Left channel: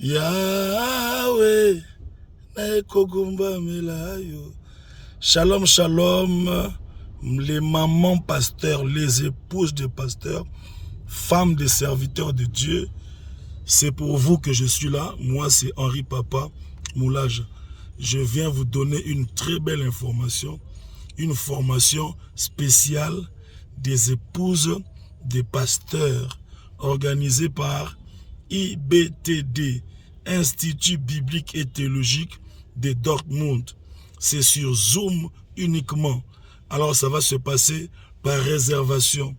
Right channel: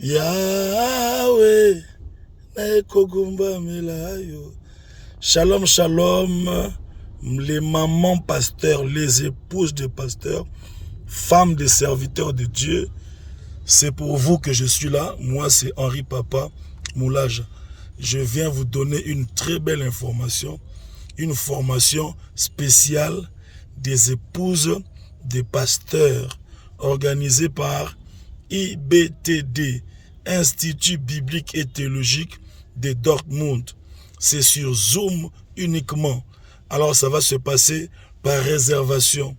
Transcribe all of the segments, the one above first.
Yahweh, Nekogumba Melayo. Shalom, shalom, les mamans pasteurs, les épouses de pasteurs, femmes de serviteurs de Dieu. C'est pour vous que je suis là. Moi, c'est Henri Papa Moulage. Je viens vous donner une très belle information, une formation spéciale des épouses des pasteurs organisée par IBTD, Institut Biblique et Théologique de Dortmund. C'est sur Zoom uniquement. Alors ça va se passer par réservation.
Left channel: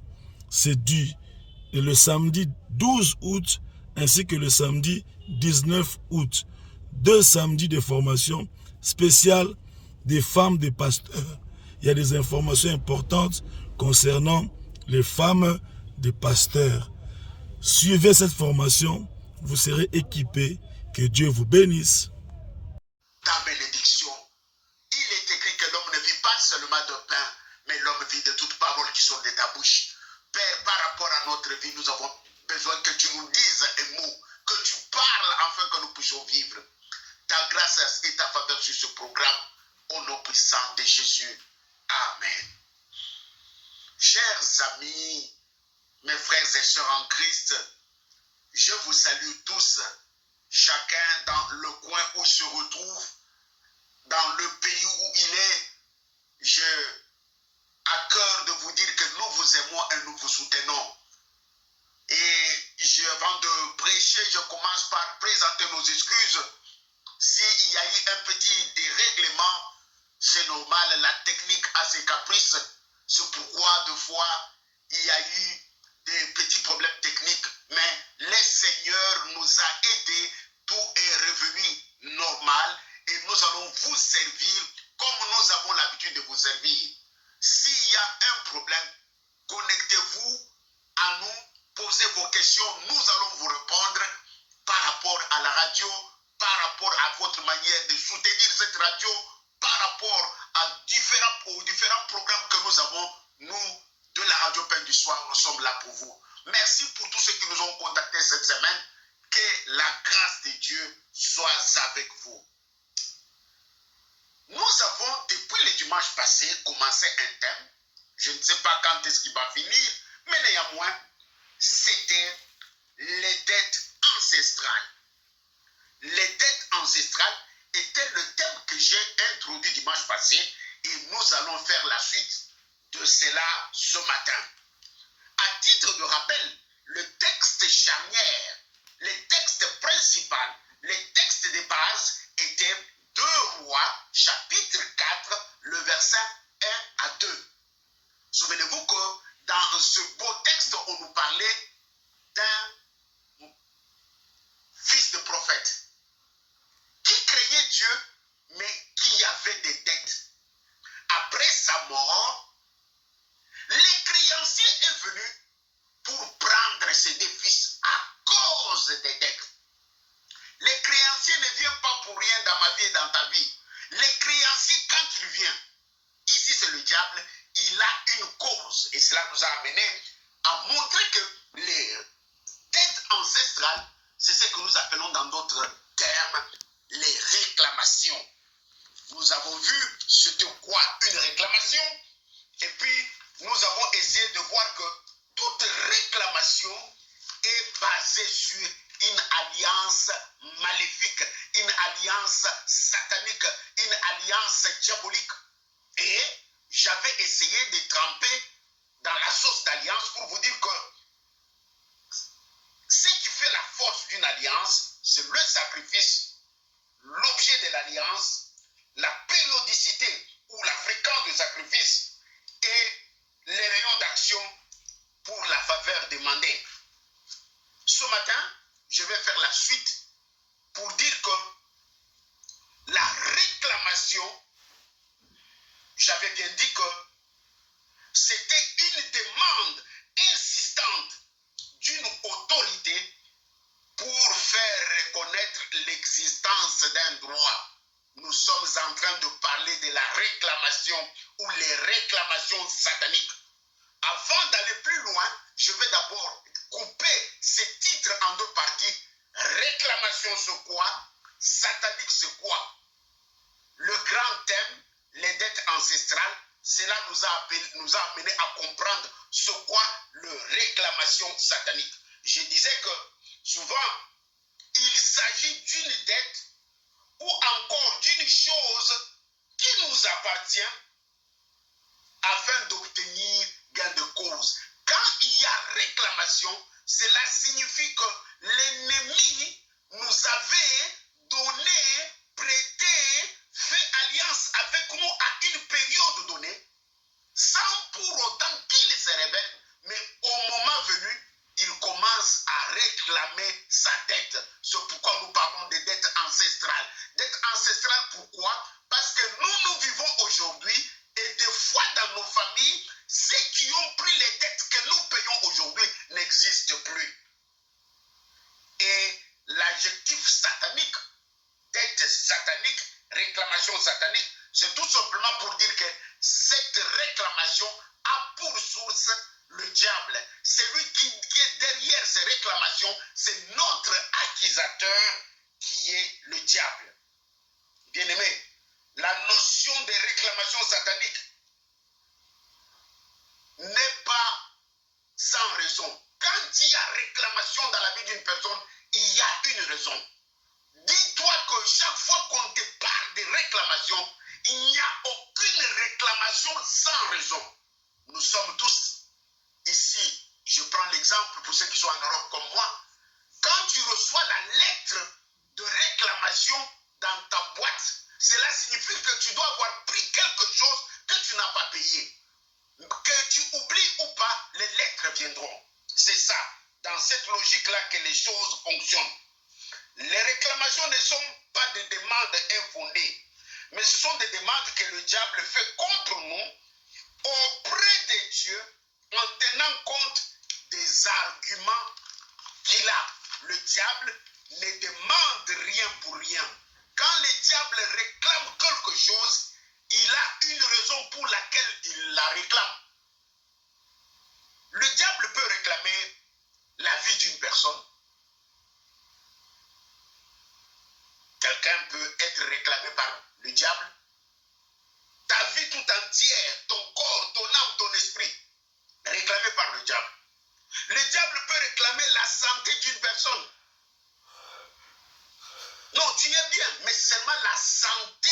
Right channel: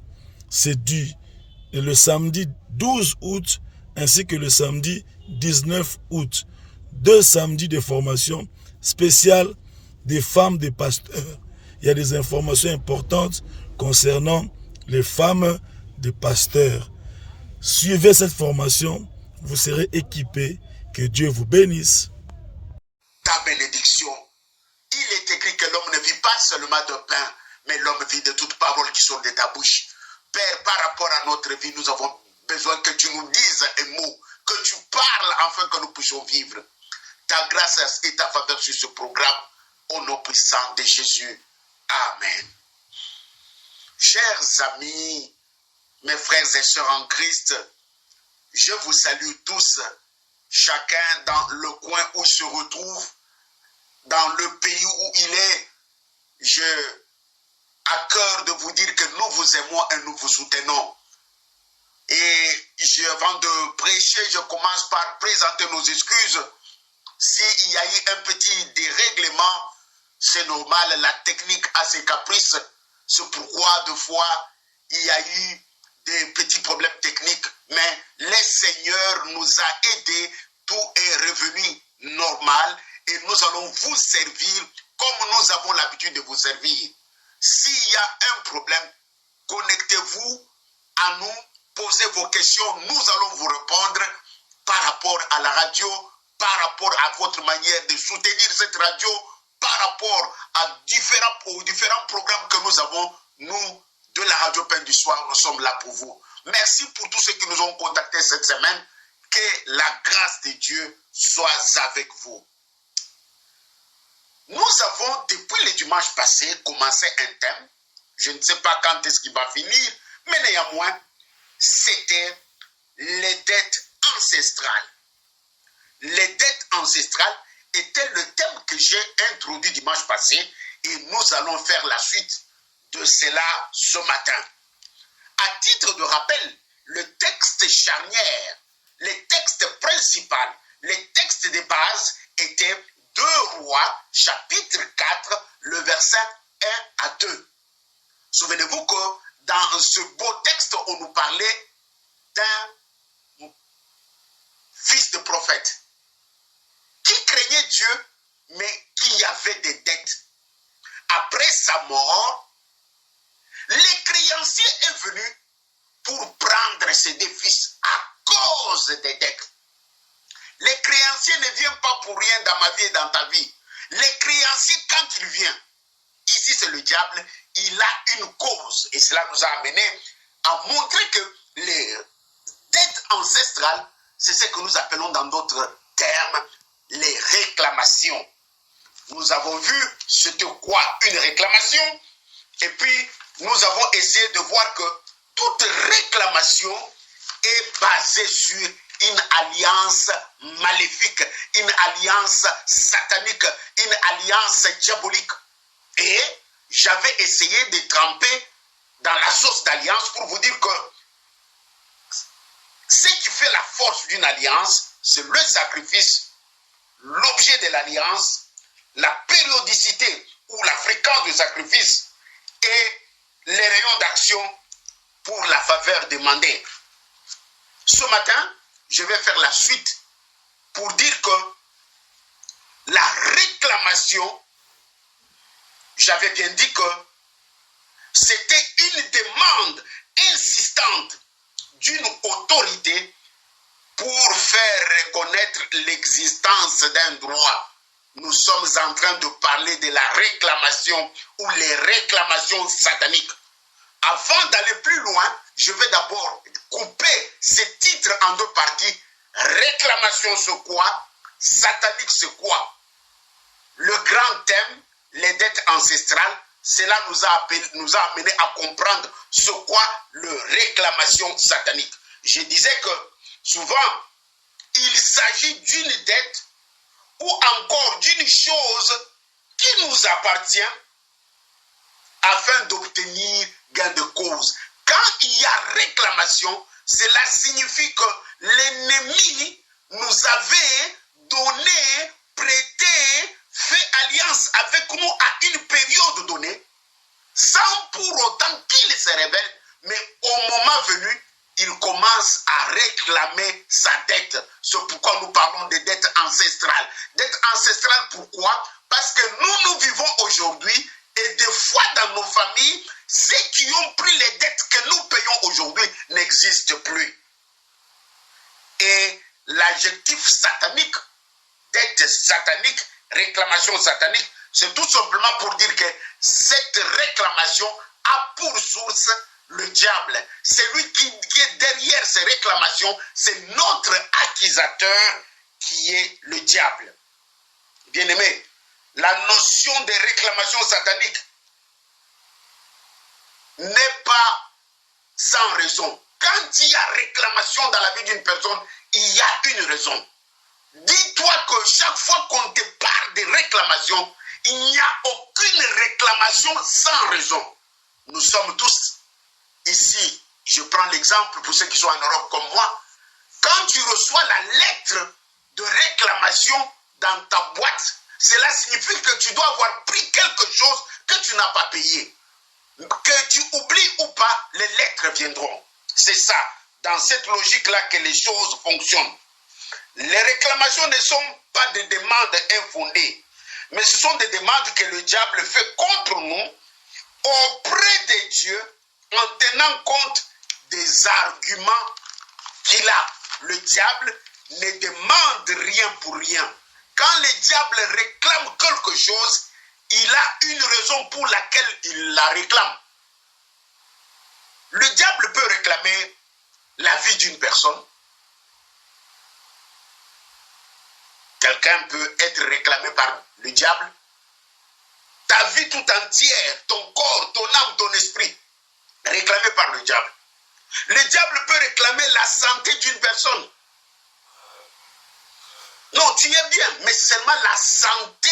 C'est dû le samedi 12 août ainsi que le samedi 19 août. 2 samedis de formation spéciale des femmes des pasteurs. Il y a des informations importantes concernant les femmes des pasteurs. Suivez cette formation, vous serez équipés. Que Dieu vous bénisse. Ta bénédiction. Il est écrit que l'homme ne vit pas seulement de pain, mais l'homme vit de toute parole qui sort de ta bouche. Père, par rapport à notre vie, nous avons besoin que tu nous dises un mot, que tu parles afin que nous puissions vivre. Ta grâce et ta faveur sur ce programme, au nom puissant de Jésus. Amen. Chers amis, mes frères et sœurs en Christ, je vous salue tous, chacun dans le coin où il se retrouve, dans le pays où il est. J'ai à cœur de vous dire que nous vous aimons et nous vous soutenons. Et avant de prêcher, je commence par présenter nos excuses. S'il y a eu un petit dérèglement, c'est normal, la technique a ses caprices. C'est pourquoi, deux fois, il y a eu des petits problèmes techniques. Mais le Seigneur nous a aidés, tout est revenu normal. Et nous allons vous servir comme nous avons l'habitude de vous servir. S'il y a un problème, connectez-vous à nous, posez vos questions, nous allons vous répondre par rapport à la radio, par rapport à votre manière de soutenir cette radio, par rapport aux différents programmes que nous avons, nous, de la Radio Pain du Soir, nous sommes là pour vous. Merci pour tous ceux qui nous ont contactés cette semaine. Que la grâce de Dieu soit avec vous. Nous avons, depuis le dimanche passé, commencé un thème. Je ne sais pas quand est-ce qu'il va finir, mais néanmoins, c'était les dettes ancestrales. Les dettes ancestrales étaient le thème que j'ai introduit dimanche passé et nous allons faire la suite de cela ce matin. À titre de rappel, le texte charnière, les textes principaux, les textes de base étaient 2 Rois, chapitre 4, le verset 1 à 2. Souvenez-vous que dans ce beau texte, on nous parlait d'un fils de prophète qui craignait Dieu, mais qui avait des dettes. Après sa mort, le créancier est venu pour prendre ses deux fils à cause des dettes. Les créanciers ne viennent pas pour rien dans ma vie et dans ta vie. Les créanciers, quand il vient, ici c'est le diable, il a une cause. Et cela nous a amené à montrer que les dettes ancestrales, c'est ce que nous appelons dans d'autres termes les réclamations. Nous avons vu c'était quoi une réclamation. Et puis, nous avons essayé de voir que toute réclamation est basée sur une alliance maléfique, une alliance satanique, une alliance diabolique. Et j'avais essayé de tremper dans la sauce d'alliance pour vous dire que ce qui fait la force d'une alliance, c'est le sacrifice, l'objet de l'alliance, la périodicité ou la fréquence du sacrifice et les rayons d'action pour la faveur demandée. Ce matin, je vais faire la suite pour dire que la réclamation, j'avais bien dit que c'était une demande insistante d'une autorité pour faire reconnaître l'existence d'un droit. Nous sommes en train de parler de la réclamation ou les réclamations sataniques. Avant d'aller plus loin, je vais d'abord couper ces titres en 2 parties Réclamation, c'est quoi? Satanique, c'est quoi? Le grand thème, les dettes ancestrales, cela nous a amené à comprendre ce qu'est le réclamation satanique. Je disais que souvent, il s'agit d'une dette ou encore d'une chose qui nous appartient afin d'obtenir gain de cause. Quand il y a réclamation, cela signifie que l'ennemi nous avait donné, prêté, fait alliance avec nous à une période donnée, sans pour autant qu'il se révèle, mais au moment venu, il commence à réclamer sa dette. C'est pourquoi nous parlons de dettes ancestrales. Dettes ancestrales, pourquoi? Parce que nous vivons aujourd'hui et des fois dans nos familles, ceux qui ont pris les dettes que nous payons aujourd'hui n'existent plus. Et l'adjectif satanique, dette satanique, réclamation satanique, c'est tout simplement pour dire que cette réclamation a pour source le diable. C'est lui qui est derrière ces réclamations, c'est notre accusateur qui est le diable. Bien-aimé, la notion de réclamation satanique n'est pas sans raison. Quand il y a réclamation dans la vie d'une personne, il y a une raison. Dis-toi que chaque fois qu'on te parle de réclamation, il n'y a aucune réclamation sans raison. Nous sommes tous ici, je prends l'exemple pour ceux qui sont en Europe comme moi, quand tu reçois la lettre de réclamation dans ta boîte, cela signifie que tu dois avoir pris quelque chose que tu n'as pas payé. Que tu oublies ou pas, les lettres viendront. C'est ça, dans cette logique-là que les choses fonctionnent. Les réclamations ne sont pas des demandes infondées, mais ce sont des demandes que le diable fait contre nous auprès de Dieu en tenant compte des arguments qu'il a. Le diable ne demande rien pour rien. Quand le diable réclame quelque chose, il a une raison pour laquelle il la réclame. Le diable peut réclamer la vie d'une personne. Quelqu'un peut être réclamé par le diable. Ta vie tout entière, ton corps, ton âme, ton esprit, réclamé par le diable. Le diable peut réclamer la santé d'une personne. Non, tu es bien, mais c'est seulement la santé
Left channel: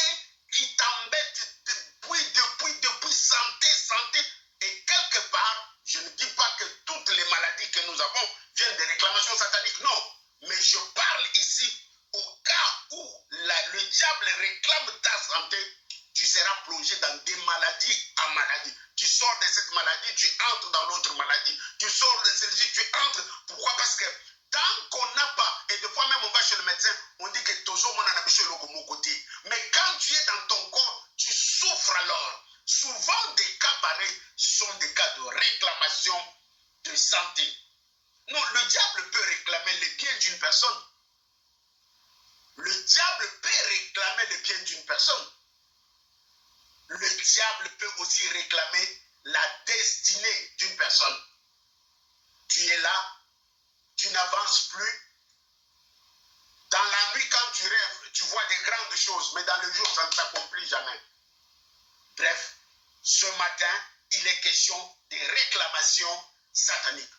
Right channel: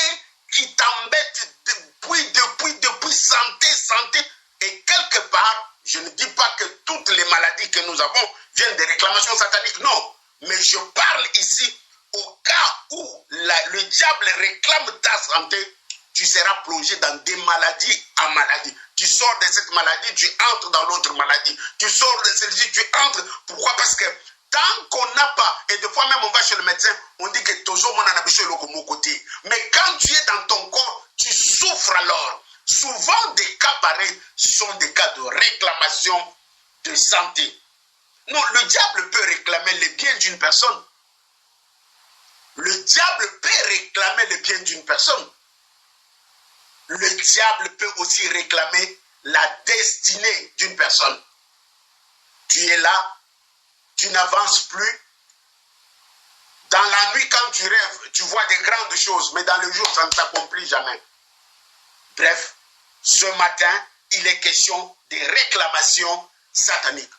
qui t'embête depuis santé. Et quelque part, je ne dis pas que toutes les maladies que nous avons viennent des réclamations sataniques, non. Mais je parle ici au cas où le diable réclame ta santé, tu seras plongé dans des maladies en maladie. Tu sors de cette maladie, tu entres dans l'autre maladie. Tu sors de celle-ci, tu entres. Pourquoi? Parce que tant qu'on n'a pas, et des fois même on va chez le médecin, on dit que toujours mon anabicho est mon côté. Mais quand tu es dans ton corps, tu souffres alors. Souvent des cas pareils sont des cas de réclamation de santé. Non, le diable peut réclamer le bien d'une personne. Le diable peut réclamer le bien d'une personne. Le diable peut aussi réclamer la destinée d'une personne. Tu es là, tu n'avances plus. Dans la nuit, quand tu rêves, tu vois des grandes choses, mais dans le jour, ça ne s'accomplit jamais. Bref, ce matin, il est question des réclamations sataniques.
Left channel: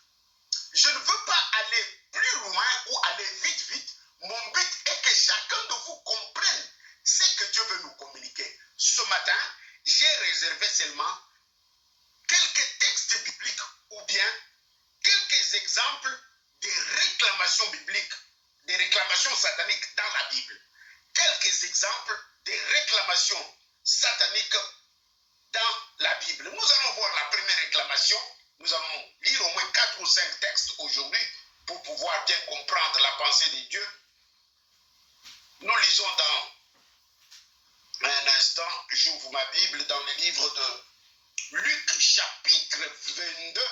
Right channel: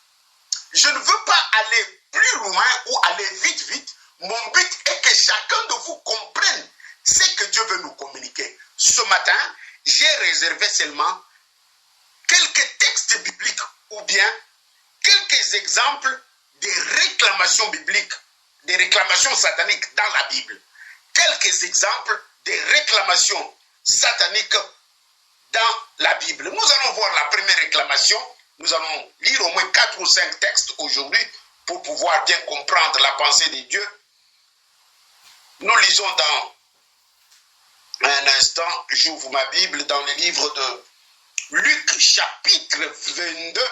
Je ne veux pas aller plus loin ou aller vite. Mon but est que chacun de vous comprenne ce que Dieu veut nous communiquer. Ce matin, j'ai réservé seulement quelques textes bibliques ou bien quelques exemples des réclamations bibliques, des réclamations sataniques dans la Bible. Quelques exemples des réclamations sataniques dans la Bible. Nous allons voir la première réclamation. Nous allons lire au moins 4 ou 5 textes aujourd'hui pour pouvoir bien comprendre la pensée de Dieu. Nous lisons dans un instant, j'ouvre ma Bible dans le livre de Luc chapitre 22,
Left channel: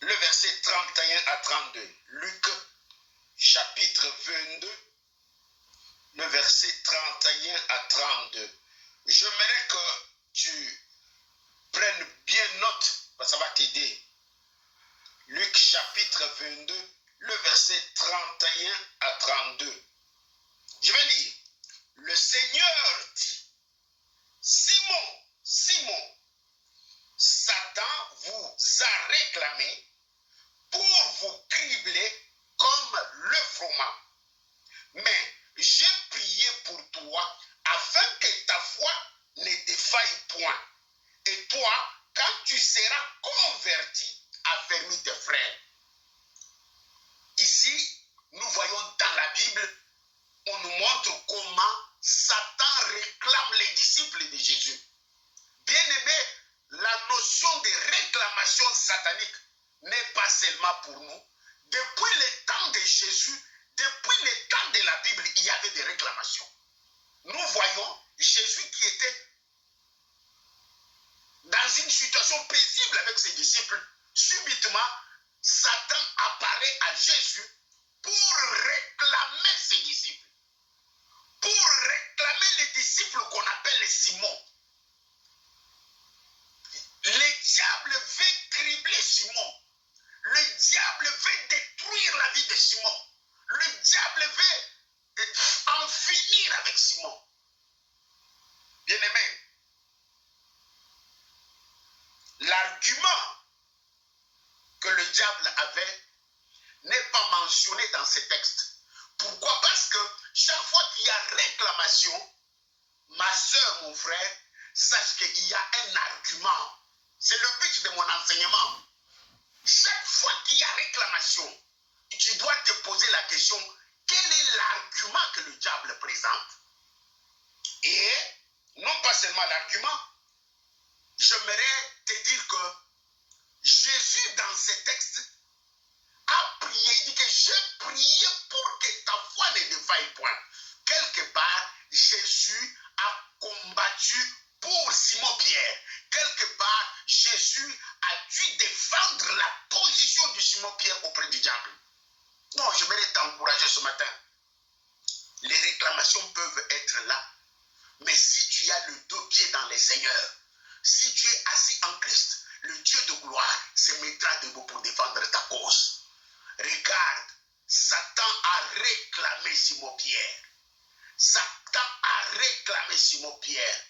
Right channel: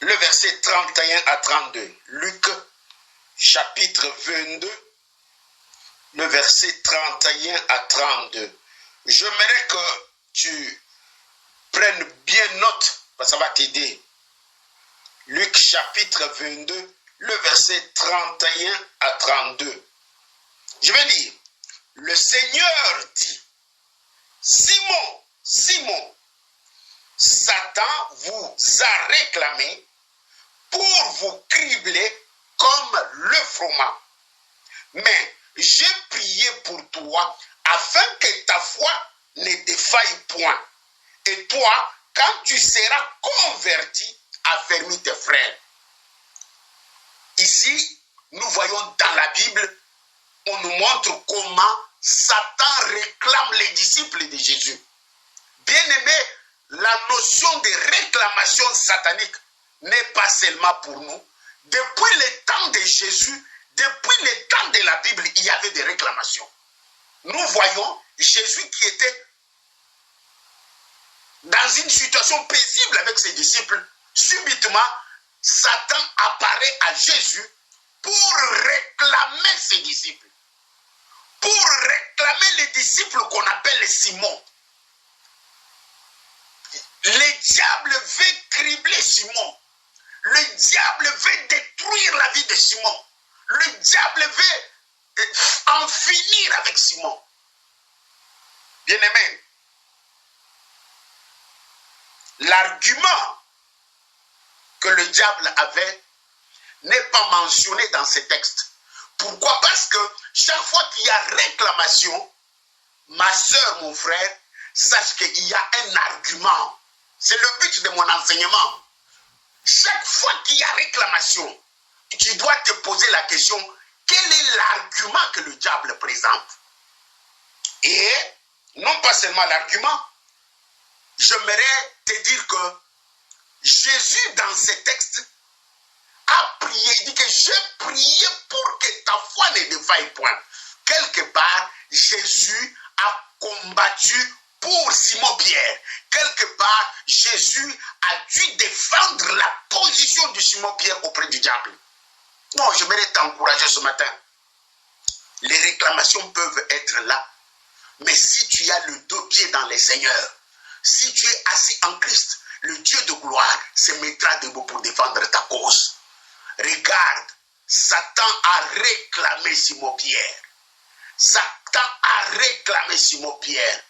le verset 31 à 32. Luc chapitre 22, le verset 31 à 32. J'aimerais que tu prennes bien note, parce que ça va t'aider. Luc chapitre 22, le verset 31 à 32. Je vais dire, le Seigneur dit, Simon, Simon, Satan vous a réclamé pour vous cribler comme le froment. Mais j'ai prié pour toi afin que ta foi ne défaille point. Et toi, quand tu seras converti, affermis tes frères. Ici, nous voyons dans la Bible, on nous montre comment Satan réclame les disciples de Jésus. Bien aimé, la notion de réclamation satanique n'est pas seulement pour nous. Depuis le temps de Jésus, depuis le temps de la Bible, il y avait des réclamations. Nous voyons Jésus qui était dans une situation paisible avec ses disciples. Subitement, Satan apparaît à Jésus pour réclamer ses disciples. Pour réclamer les disciples qu'on appelle Simon. Le diable veut cribler Simon. Le diable veut détruire la vie de Simon. Le diable veut en finir avec Simon. Bien-aimé, l'argument que le diable avait n'est pas mentionné dans ces textes. Pourquoi? Parce que chaque fois qu'il y a réclamation, ma soeur, mon frère, sache qu'il y a un argument. C'est le but de mon enseignement. Chaque fois qu'il y a réclamation, tu dois te poser la question, quel est l'argument que le diable présente? Et non pas seulement l'argument, j'aimerais te dire que Jésus, dans ces textes, a prié, il dit que j'ai prié pour que ta foi ne défaille point. Quelque part, Jésus a combattu pour Simon-Pierre. Quelque part, Jésus a dû défendre la position de Simon-Pierre auprès du diable. Non, j'aimerais t'encourager ce matin. Les réclamations peuvent être là. Mais si tu as le deux pieds dans les seigneurs, si tu es assis en Christ, le Dieu de gloire se mettra debout pour défendre ta cause. Regarde, Satan a réclamé Simon-Pierre. Satan a réclamé Simon-Pierre.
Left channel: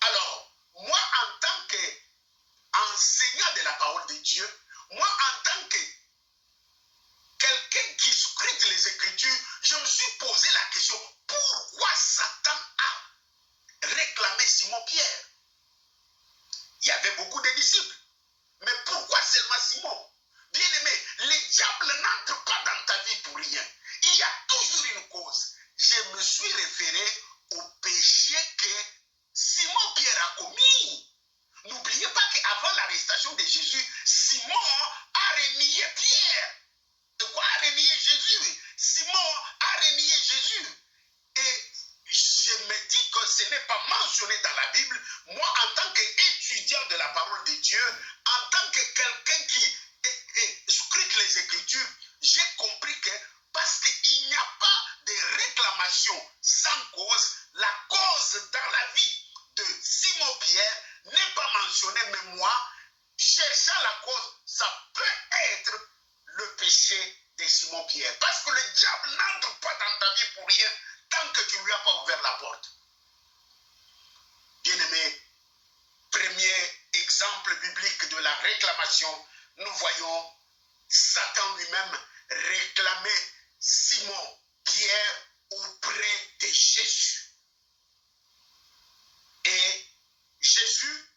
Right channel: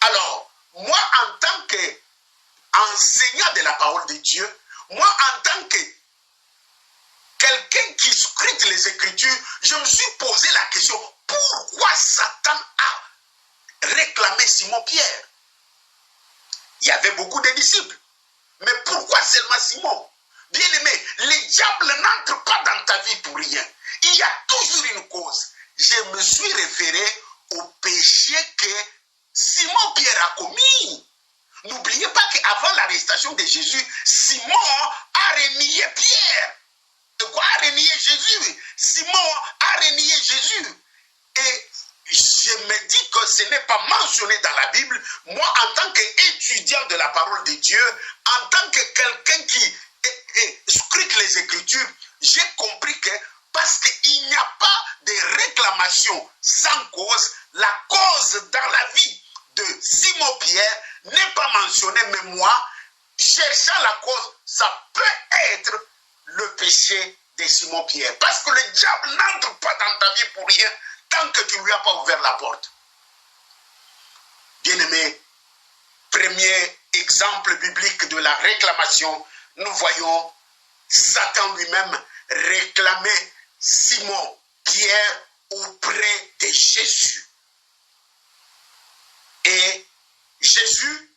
Alors, moi en tant qu'enseignant de la parole de Dieu, moi en tant que quelqu'un qui scrute les Écritures, je me suis posé la question, pourquoi Satan a réclamé Simon-Pierre? Il y avait beaucoup de disciples. Mais pourquoi seulement Simon? Bien-aimé, le diable n'entre pas dans ta vie pour rien. Il y a toujours une cause. Je me suis référé au péché que Simon-Pierre a commis. N'oubliez pas qu'avant l'arrestation de Jésus, Simon a renié Pierre. De quoi a renié Jésus? Simon a renié Jésus. Et je me dis que ce n'est pas mentionné dans la Bible. Moi, en tant qu'étudiant de la parole de Dieu, en tant que quelqu'un qui scrute les Écritures, j'ai compris que parce qu'il n'y a pas de réclamation sans cause, la cause dans la vie de Simon-Pierre n'est pas mentionnée. Mais moi, cherchant la cause, ça peut être le péché de Simon-Pierre. Parce que le diable n'entre pas dans ta vie pour rien tant que tu ne lui as pas ouvert la porte. Bien-aimé, premier exemple biblique de la réclamation, nous voyons Satan lui-même réclamer Simon-Pierre auprès de Jésus. Et Jésus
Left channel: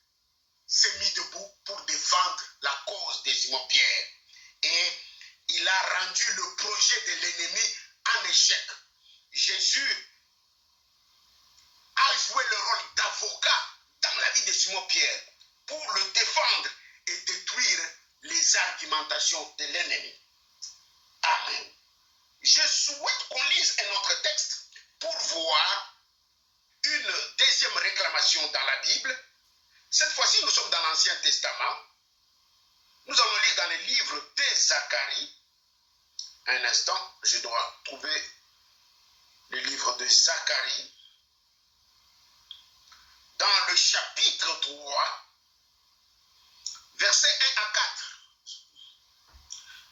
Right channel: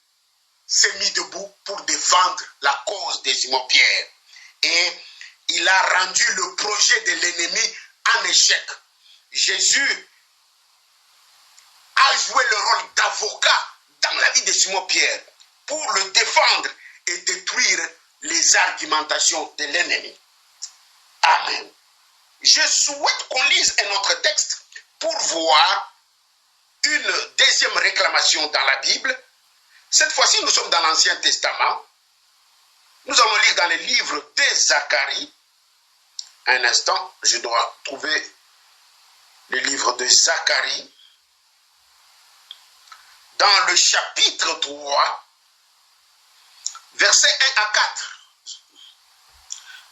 s'est mis debout pour défendre la cause de Simon-Pierre. Et il a rendu le projet de l'ennemi en échec. Jésus a joué le rôle d'avocat dans la vie de Simon-Pierre pour le défendre et détruire les argumentations de l'ennemi. Amen. Je souhaite qu'on lise un autre texte pour voir une deuxième réclamation dans la Bible. Cette fois-ci, nous sommes dans l'Ancien Testament. Nous allons lire dans le livre de Zacharie. Un instant, je dois trouver le livre de Zacharie. Dans le chapitre 3, versets 1 à 4.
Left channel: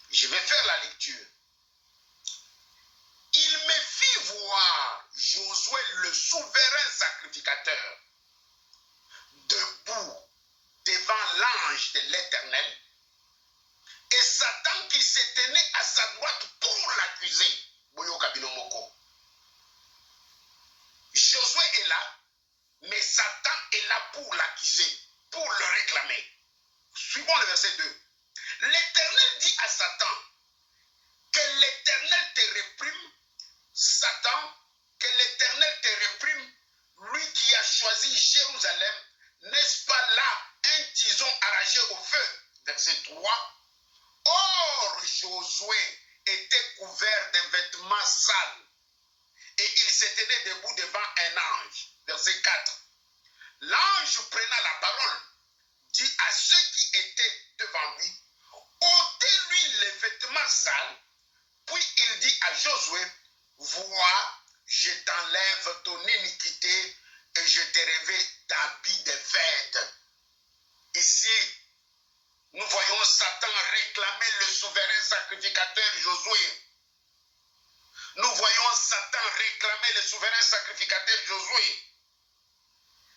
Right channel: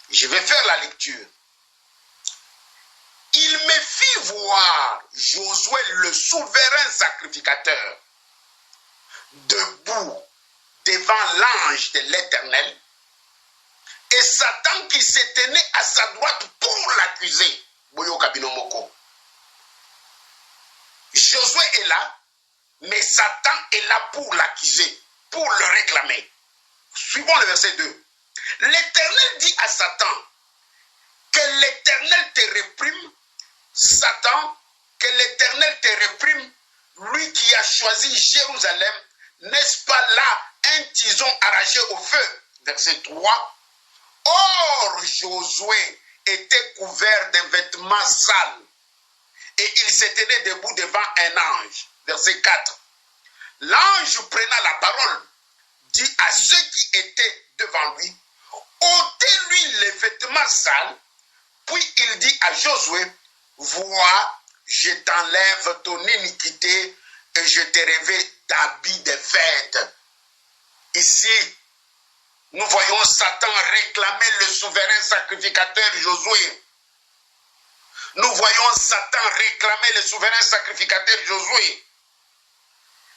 Je vais faire la lecture. Josué, le souverain sacrificateur, debout devant l'ange de l'Éternel, et Satan qui se tenait à sa droite pour l'accuser. Josué est là, mais Satan est là pour l'accuser, pour le réclamer. Suivons le verset 2. L'Éternel dit à Satan, que l'Éternel te réprime, Satan, que l'Éternel te réprime, lui qui a choisi Jérusalem, n'est-ce pas là un tison arraché au feu? Verset 3. Or, Josué était couvert d'un vêtement sale et il se tenait debout devant un ange. Verset 4. L'ange prenant la parole dit à ceux qui étaient devant lui, ôtez-lui les vêtements sales, puis il dit à Josué, vois, je t'enlève ton iniquité et je te revêt d'habits de fête. Ici, nous voyons Satan réclamer le souverain sacrificateur Josué. Nous voyons Satan réclamer le souverain sacrificateur Josué.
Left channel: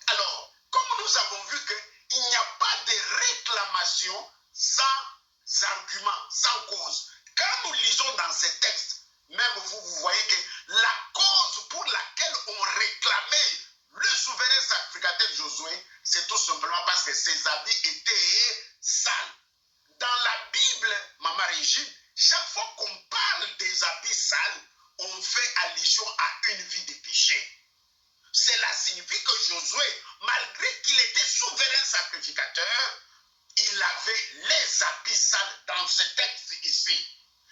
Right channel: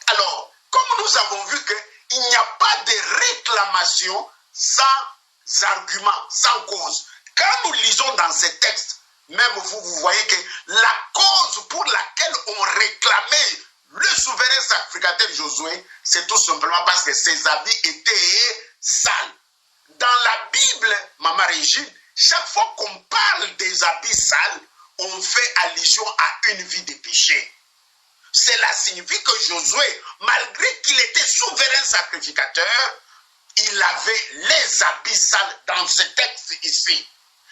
Alors, comme nous avons vu qu'il n'y a pas de réclamation sans argument, sans cause. Quand nous lisons dans ces textes, même vous voyez que la cause pour laquelle on réclamait le souverain sacrificateur Josué, c'est tout simplement parce que ses habits étaient sales. Dans la Bible, Maman Régine, chaque fois qu'on parle des habits sales, on fait allusion à une vie de péché. Cela signifie que Josué, malgré qu'il était souverain sacrificateur, il avait les habits sales dans ce texte ici.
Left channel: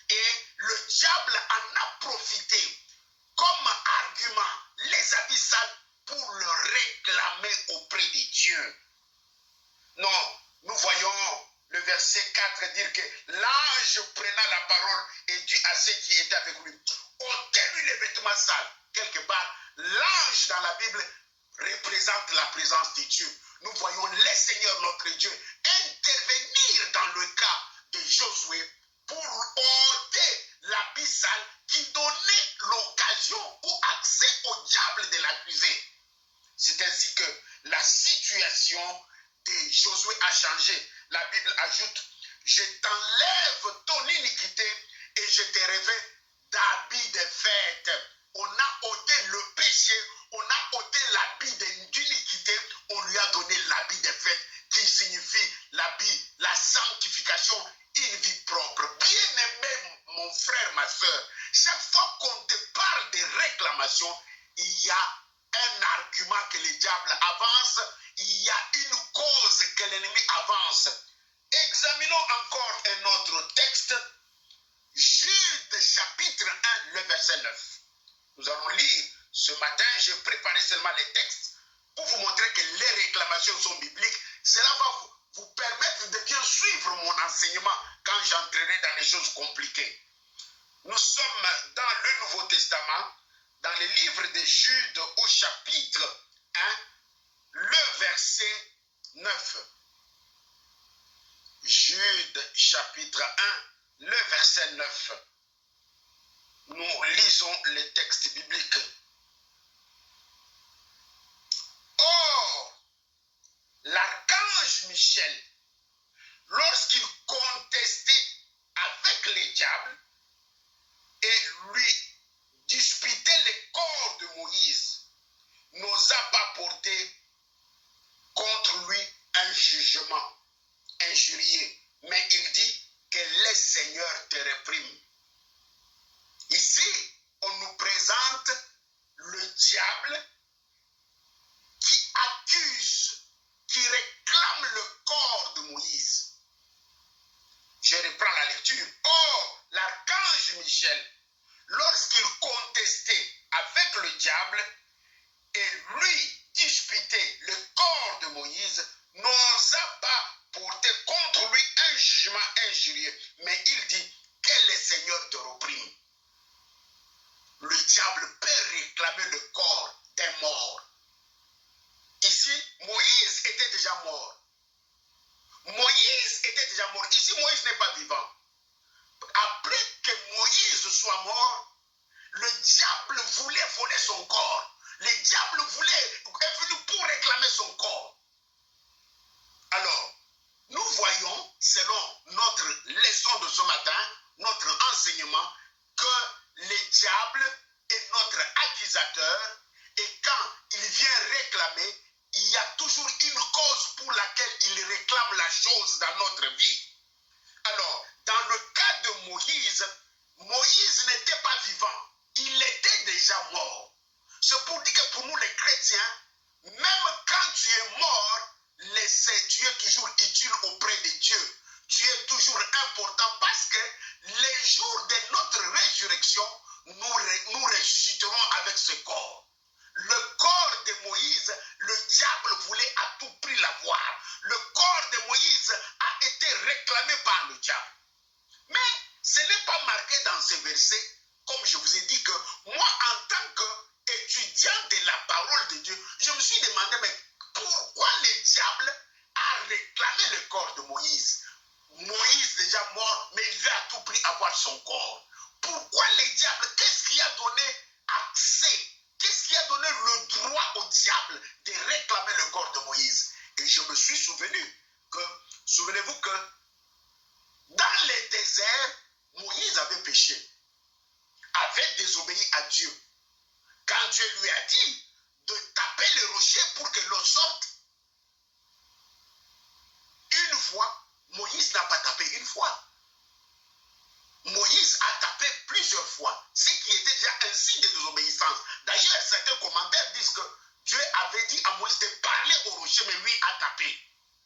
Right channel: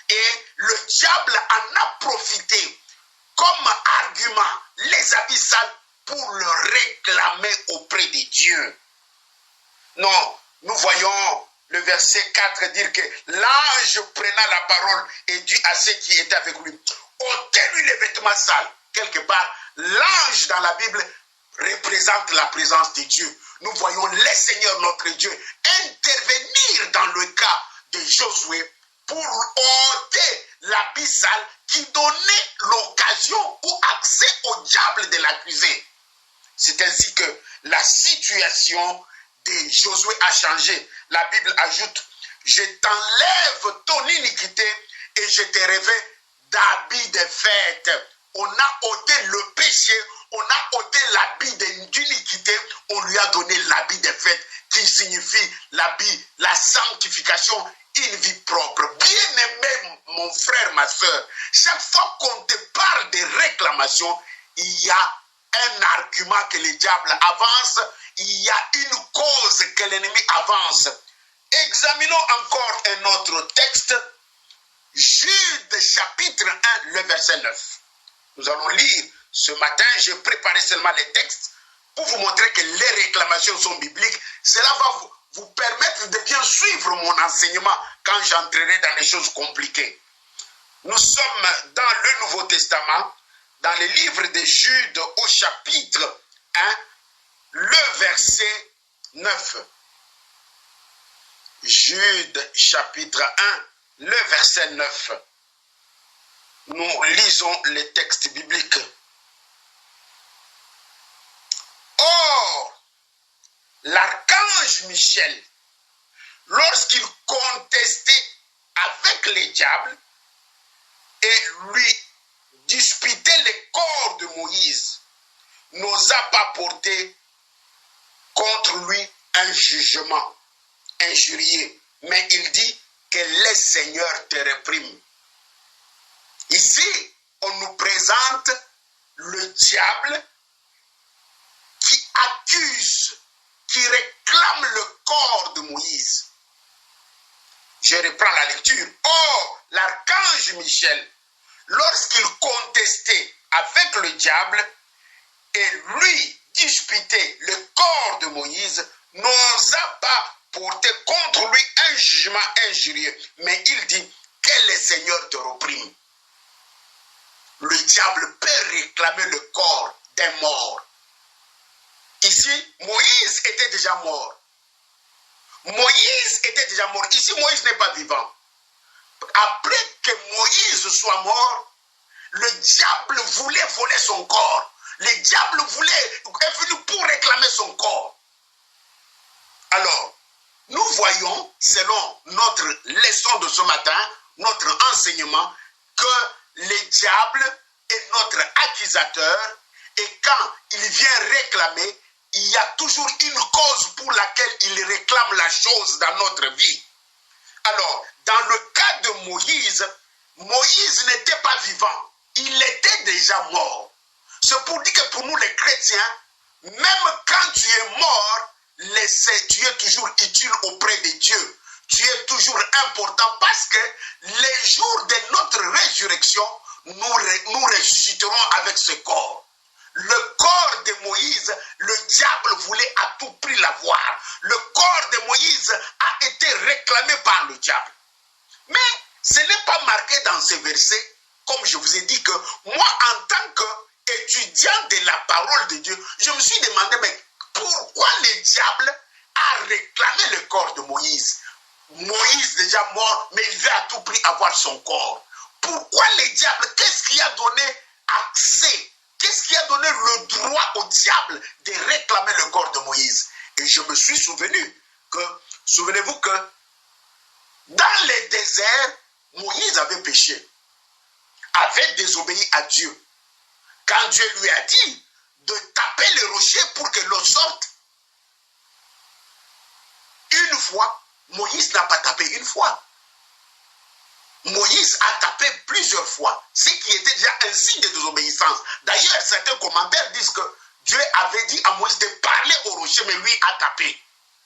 Et le diable en a profité comme argument, les habits sales, pour le réclamer auprès de Dieu. Non, nous voyons le verset 4 dire que l'ange prenant la parole et dit à ceux qui étaient avec lui, ôtez-lui les vêtements sales. Quelque part, l'ange dans la Bible représente la présence de Dieu. Nous voyons le Seigneur notre Dieu intervenir dans le cas de Josué pour ôter l'habit sale qui donnait l'occasion ou accès au diable de l'accuser. C'est ainsi que la situation de Josué a changé. La Bible ajoute, je t'enlève ton iniquité et je te revêt d'habits de fête. On a ôté le péché, on a ôté l'habit d'iniquité, on lui a donné l'habit de fête qui signifie l'habit, la sanctification, une vie propre. Bien-aimé, mon frère, ma soeur, chaque fois qu'on te parle de réclamation, il y a un argument que le diable avance, il y a une cause que l'ennemi avance. Examinons encore un autre texte, Jude chapitre 1, le verset 9. Nous allons lire ce matin, j'ai préparé seulement les textes pour vous montrer que les réclamations sont bibliques. Cela va vous permettre de bien suivre mon enseignement quand j'entrerai dans les choses compliquées. Nous sommes dans le Nouveau Testament, dans le livre de Jude au chapitre 1, le verset 9. Jude chapitre 1, le verset 9. Nous lisons les textes bibliques. Or, l'archange Michel, lorsqu'il contestait avec le diable et lui disputait le corps de Moïse, n'osa pas porter contre lui un jugement injurieux, mais il dit que le Seigneur te réprime. Ici, on nous présente le diable qui accuse, qui réclame le corps de Moïse. Je reprends la lecture. Or, l'archange Michel, lorsqu'il contestait avec le diable et lui disputait le corps de Moïse, n'osa pas porter contre lui un jugement injurieux, mais il dit que le Seigneur te réprime. Le diable peut réclamer le corps d'un mort. Ici, Moïse était déjà mort. Moïse était déjà mort. Ici, Moïse n'est pas vivant. Après que Moïse soit mort, le diable voulait voler son corps. Le diable est venu pour réclamer son corps. Alors, nous voyons, selon notre leçon de ce matin, notre enseignement, que le diable est notre accusateur et quand il vient réclamer, il y a toujours une cause pour laquelle il réclame la chose dans notre vie. Alors, dans le cas de Moïse, Moïse n'était pas vivant, il était déjà mort. C'est pour dire que pour nous les chrétiens, même quand tu es mort, tu es toujours utile auprès de Dieu. Tu es toujours important parce que les jours de notre résurrection, nous ressusciterons avec ce corps. Le corps de Moïse, le diable voulait à tout prix l'avoir. Le corps de Moïse a été réclamé par le diable. Mais ce n'est pas marqué dans ces versets, comme je vous ai dit que moi, en tant qu'étudiant de la parole de Dieu, je me suis demandé, mais pourquoi le diable a réclamé le corps de Moïse? Moïse déjà mort, mais il veut à tout prix avoir son corps. Pourquoi le diable? Qu'est-ce qui a donné accès? Qu'est-ce qui a donné le droit au diable de réclamer le corps de Moïse? Et je me suis souvenu que, souvenez-vous que dans le désert, Moïse avait péché, avait désobéi à Dieu. Quand Dieu lui a dit de taper le rocher pour que l'eau sorte, une fois, Moïse n'a pas tapé une fois. Moïse a tapé plusieurs fois, ce qui était déjà un signe de désobéissance. D'ailleurs, certains commentaires disent que Dieu avait dit à Moïse de parler au rocher, mais lui a tapé.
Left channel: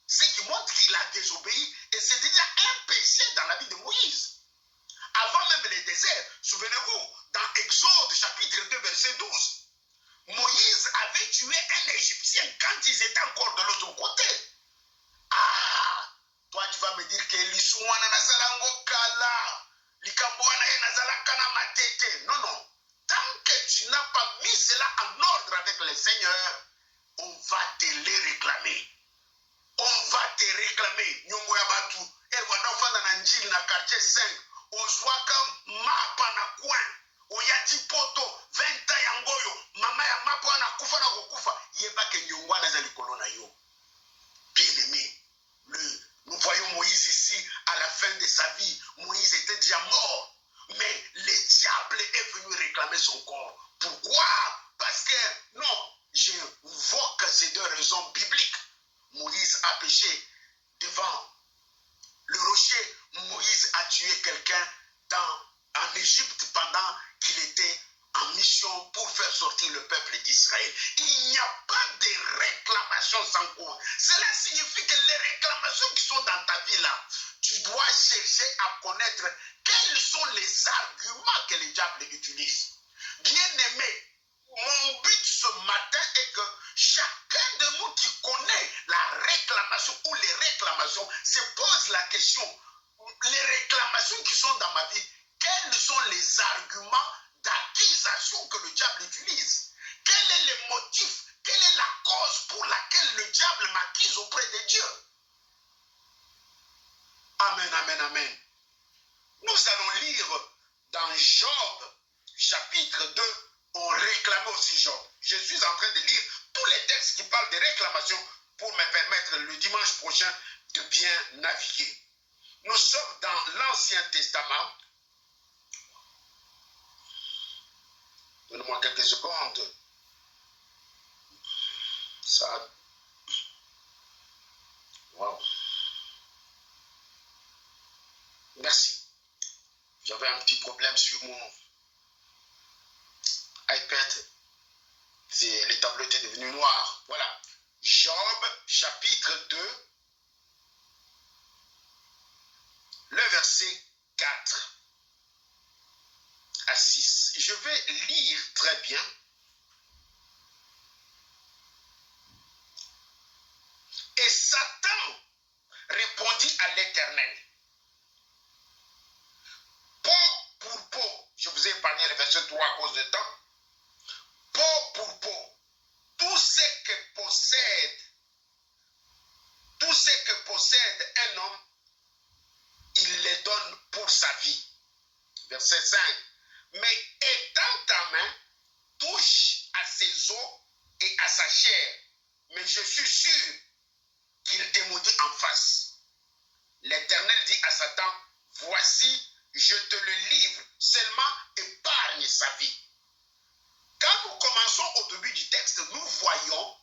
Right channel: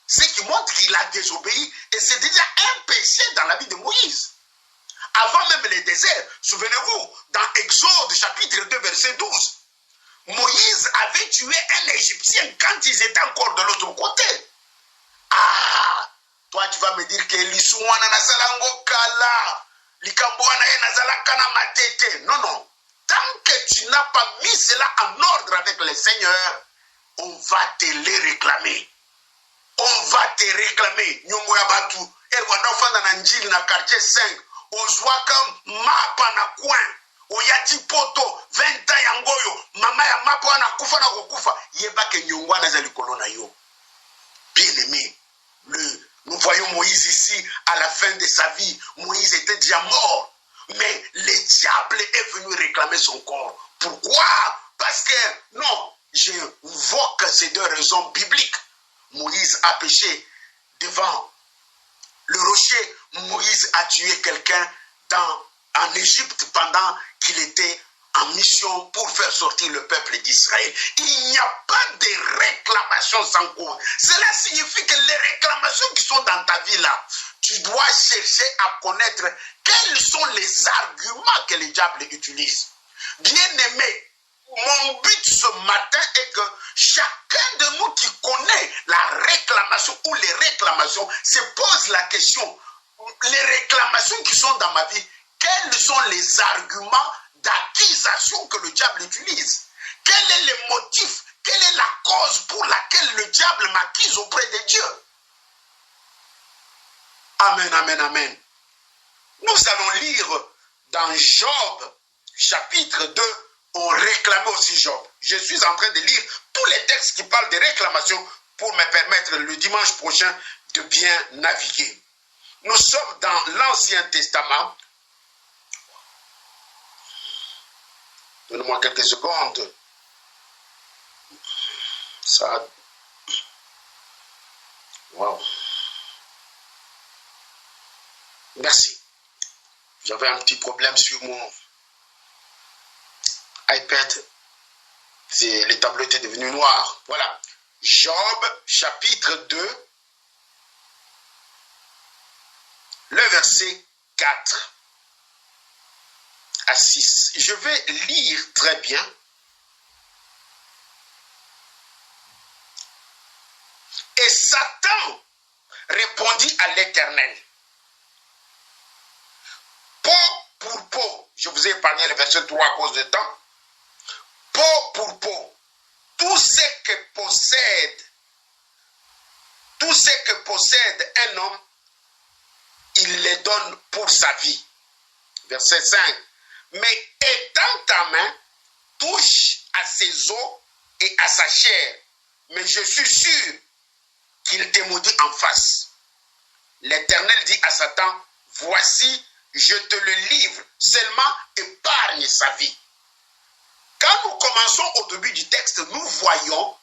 Ce qui montre qu'il a désobéi, et c'est déjà un péché dans la vie de Moïse. Avant même le désert, souvenez-vous, dans Exode chapitre 2, verset 12, Moïse avait tué un Égyptien quand ils étaient encore de l'autre côté. Ah, toi tu vas me dire que l'Isouana Nasalango Kala, non, non. Tant que tu n'as pas mis cela en ordre avec le Seigneur, on va te les réclamer. On va te réclamer. Nyongo ya batu, erwanda ofanda na njili na quartier 5, ozwaka mapa na coin, oyati poto 20 ans yangoyo, mama ya mapa wana kufa na kokufa, yebake nyongo wana za likolo na yo. Bien aimé, nous voyons Moïse ici, à la fin de sa vie, Moïse était déjà mort. Mais le diable est venu réclamer son corps. Pourquoi? Parce que, non, j'invoque ces deux raisons bibliques. Moïse a péché devant le rocher. Moïse a tué quelqu'un en Égypte pendant qu'il était en mission pour faire sortir le peuple d'Israël. Il n'y a pas de réclamations sans cause. Cela signifie que les réclamations qui sont dans ta vie là, tu dois chercher à connaître quels sont les arguments que le diable utilise. Bien-aimé, mon but ce matin est que chacun de nous qui connaît la réclamation ou les réclamations se pose la question, les réclamations qui sont dans ma vie, quels sont les arguments d'accusation que le diable utilise? Quel est le motif? Quelle est la cause pour laquelle le diable m'accuse auprès de Dieu? Amen, amen, amen. Nous allons lire dans Job, chapitre 2, on réclamait aussi Job. Je suis en train de lire tous les textes qui parlent de réclamation pour me permettre le dimanche prochain de bien naviguer. Nous sommes dans l'Ancien Testament. Donne-moi quelques secondes. Ça. Wow. Merci. J'avais un petit problème sur mon iPad. Le tableau était devenu noir. Voilà. Job, chapitre 2, le verset 4 à 6. Je vais lire très bien. Et Satan répondit à l'Éternel. Peau pour peau. Je vous ai épargné le verset 3 à cause de temps. Peau pour peau. Tout ce que possède un homme, il les donne pour sa vie. Verset 5. mais étends ta main, touche à ses os et à sa chair. Mais je suis sûr qu'il te maudit en face. L'Éternel dit à Satan, voici, je te le livre, seulement épargne sa vie. Quand nous commençons au début du texte, nous voyons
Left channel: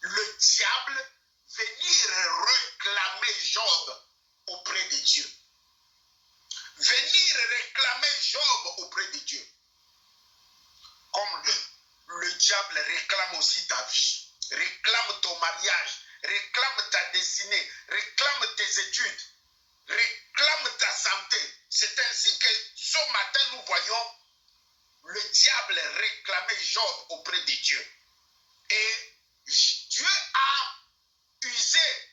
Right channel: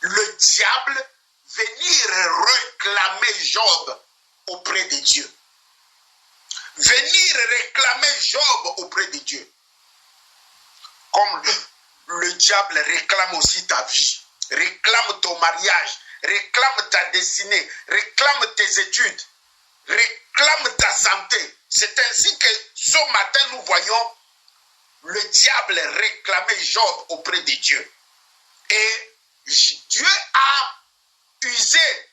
le diable venir réclamer Job auprès de Dieu. Venir réclamer Job auprès de Dieu. Comme le diable réclame aussi ta vie, réclame ton mariage, réclame ta destinée, réclame tes études, réclame ta santé. C'est ainsi que ce matin nous voyons le diable réclamer Job auprès de Dieu. Et Dieu a usé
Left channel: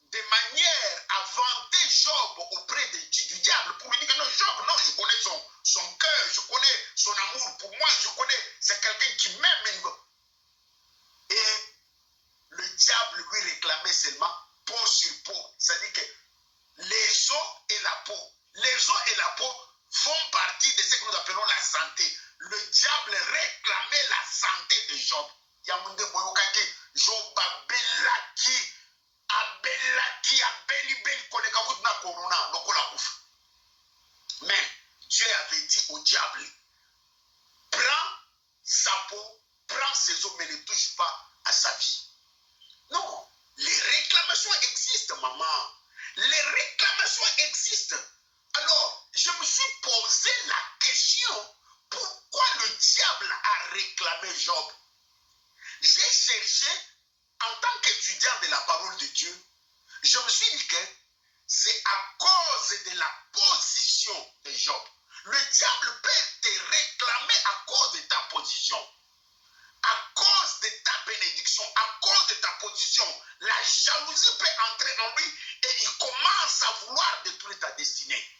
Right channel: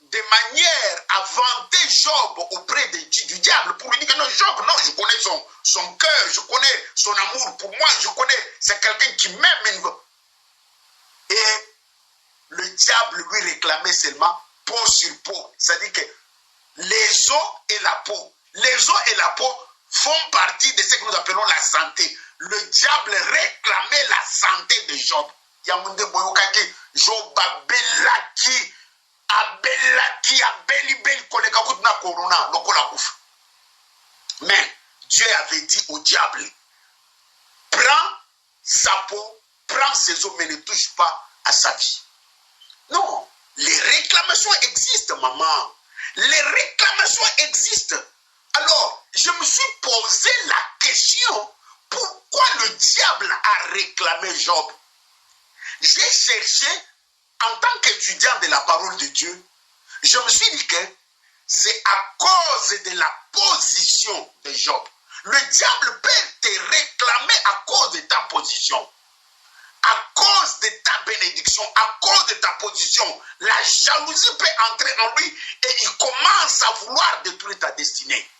de manière à vanter Job auprès du diable pour lui dire que non, Job, non, je connais son cœur, je connais son amour pour moi, je connais, c'est quelqu'un qui m'aime. Et le diable lui réclamait seulement peau sur peau. C'est-à-dire que les os et la peau, font partie de ce que nous appelons la santé. Le diable réclamait la santé de Job. Yamunde boyokaki, Job abelaki, abeli koleka kutuna corona, lokola kufa. Mais Dieu avait dit au diable, prends sa peau, prends ses os, mais ne touche pas à sa vie. Non, les réclamations existent, maman. Les réclamations existent. Alors, je me suis posé la question, pourquoi le diable a réclamé Job? J'ai cherché, en tant qu'étudiant de la parole de Dieu, je me suis dit que c'est à cause de la position de Job. Le diable peut te réclamer à cause de ta position, à cause de ta bénédiction, à cause de ta position. La jalousie peut entrer en lui et il commence à vouloir détruire ta destinée.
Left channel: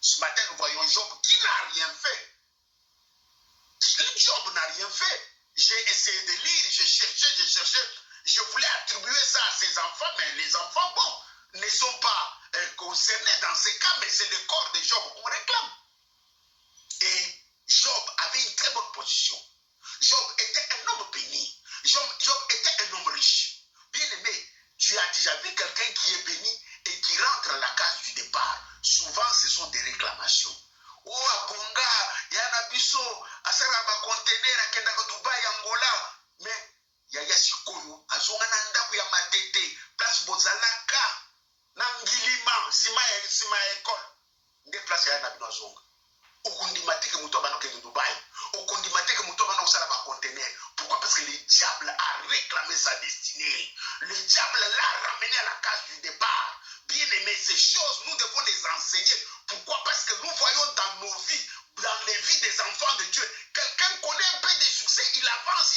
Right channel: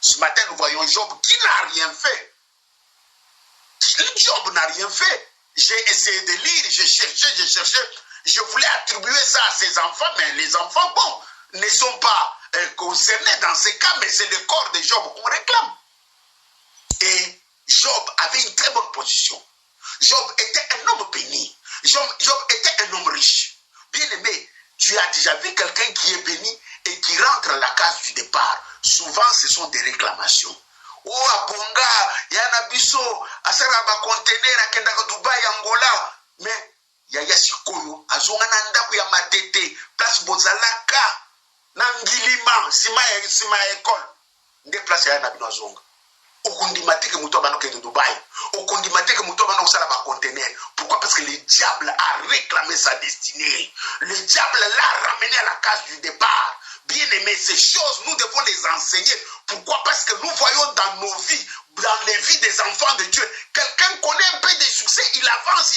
Ce matin, nous voyons Job qui n'a rien fait. Job n'a rien fait. J'ai essayé de lire, j'ai cherché. Je voulais attribuer ça à ses enfants, mais les enfants, bon, ne sont pas concernés dans ces cas, mais c'est le corps de Job qu'on réclame. Et Job avait une très bonne position. Job était un homme béni. Job était un homme riche. Bien aimé, tu as déjà vu quelqu'un qui est béni et qui rentre à la case du départ. Souvent, ce sont des réclamations. Oh, Abonga, Yanabiso, Asaraba conteneur, Akendaka Dubai, Angola. Mais, Yaya Sikoyo, Azongana Ndaku ya Matete, Place Bozalaka, Nangilima, Sima École. Nde place Yanabino Azonga. Okundimatike Moutobano de Dubaï. Okundimatike Moutobano Salaba conteneur. Pourquoi? Parce que le diable a réclamé sa destinée. Le diable l'a ramené à la case du départ. Bien aimé, ces choses, nous devons les enseigner. Pourquoi? Parce que nous voyons dans nos vies, dans les vies des enfants de Dieu, quelqu'un connaît un peu de succès, il avance.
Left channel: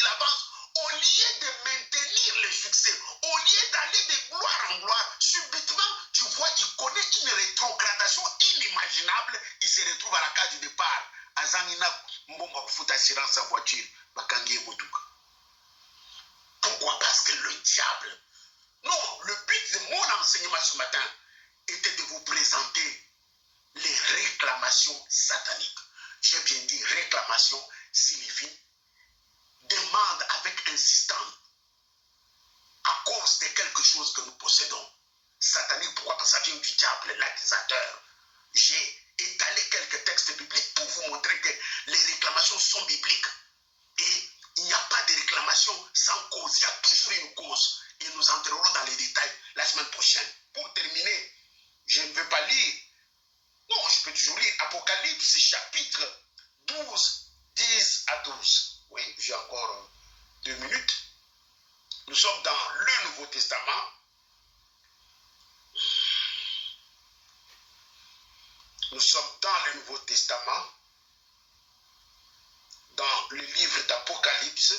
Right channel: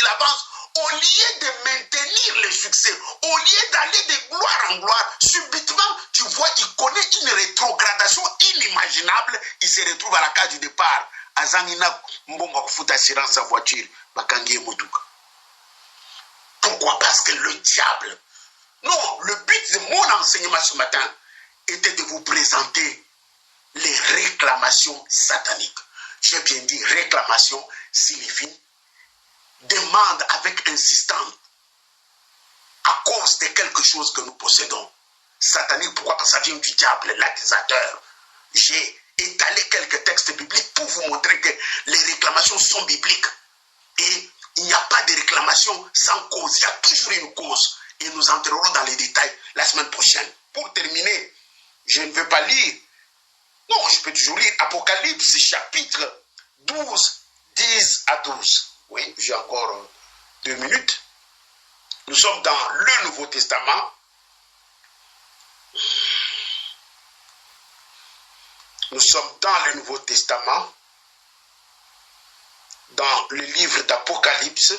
Au lieu de maintenir le succès, au lieu d'aller de gloire en gloire, subitement, tu vois, il connaît une rétrogradation inimaginable, il se retrouve à la case du départ. Azangina mbongo kufuta assurance sa voiture, bakangie motuka. Pourquoi? Parce que le diable. Non, le but de mon enseignement ce matin était de vous présenter les réclamations sataniques. J'ai bien dit réclamation signifie demande avec insistance à cause de quelque chose que nous possédons. Satanique, pourquoi? Parce que ça vient du diable, l'accusateur. J'ai étalé quelques textes bibliques pour vous montrer que les réclamations sont bibliques. Et il n'y a pas de réclamation sans cause. Il y a toujours une cause. Et nous entrerons dans les détails la semaine prochaine. Pour terminer, je ne veux pas lire. Non, je peux toujours lire Apocalypse chapitre 12, 10 à 12. Oui, j'ai encore 2 minutes. Nous sommes dans le Nouveau Testament. Nous sommes dans le Nouveau Testament, dans le livre d'Apocalypse,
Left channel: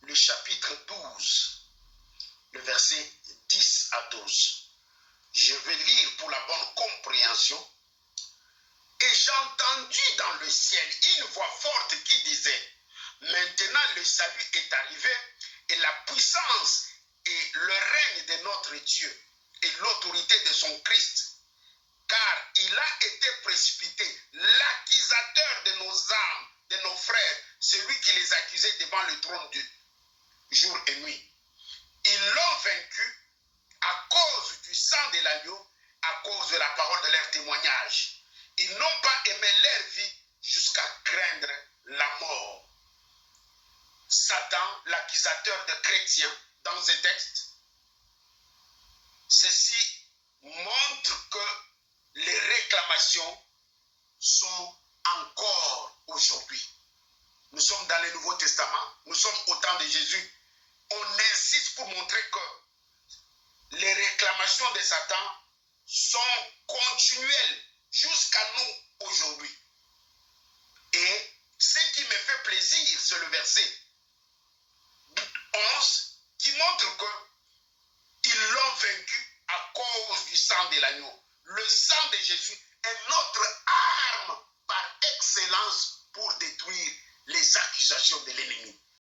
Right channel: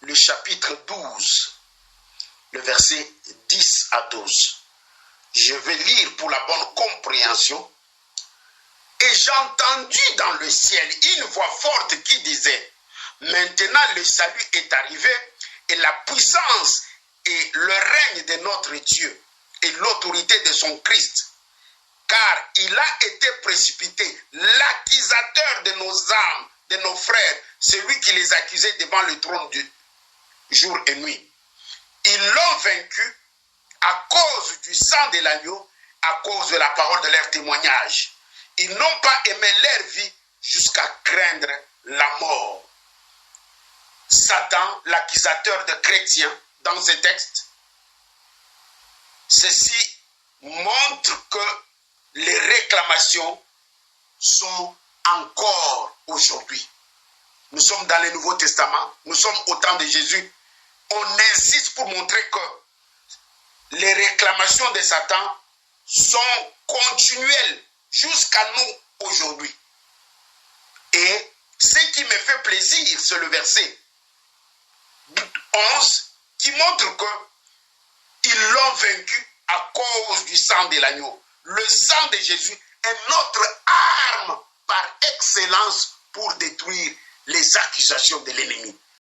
le chapitre 12, le verset 10 à 12. Je vais lire pour la bonne compréhension. Et j'ai entendu dans le ciel une voix forte qui disait, maintenant le salut est arrivé et la puissance et le règne de notre Dieu et l'autorité de son Christ. Car il a été précipité l'accusateur frères, celui qui les accusait devant le trône de jour et nuit. Ils l'ont vaincu à cause du sang de l'agneau, à cause de la parole de leur témoignage. Ils n'ont pas aimé leur vie jusqu'à craindre la mort. Satan, l'accusateur de chrétiens, dans ce texte, ceci montre que les réclamations sont encore aujourd'hui. Nous sommes dans le Nouveau Testament, nous sommes au temps de Jésus. On insiste pour montrer que les réclamations de Satan sont continuelles jusqu'à nous aujourd'hui. Et ce qui me fait plaisir, c'est le verset 11 qui montre qu'ils l'ont vaincu à cause du sang de l'agneau. Le sang de Jésus est notre arme par excellence pour détruire les accusations de l'ennemi.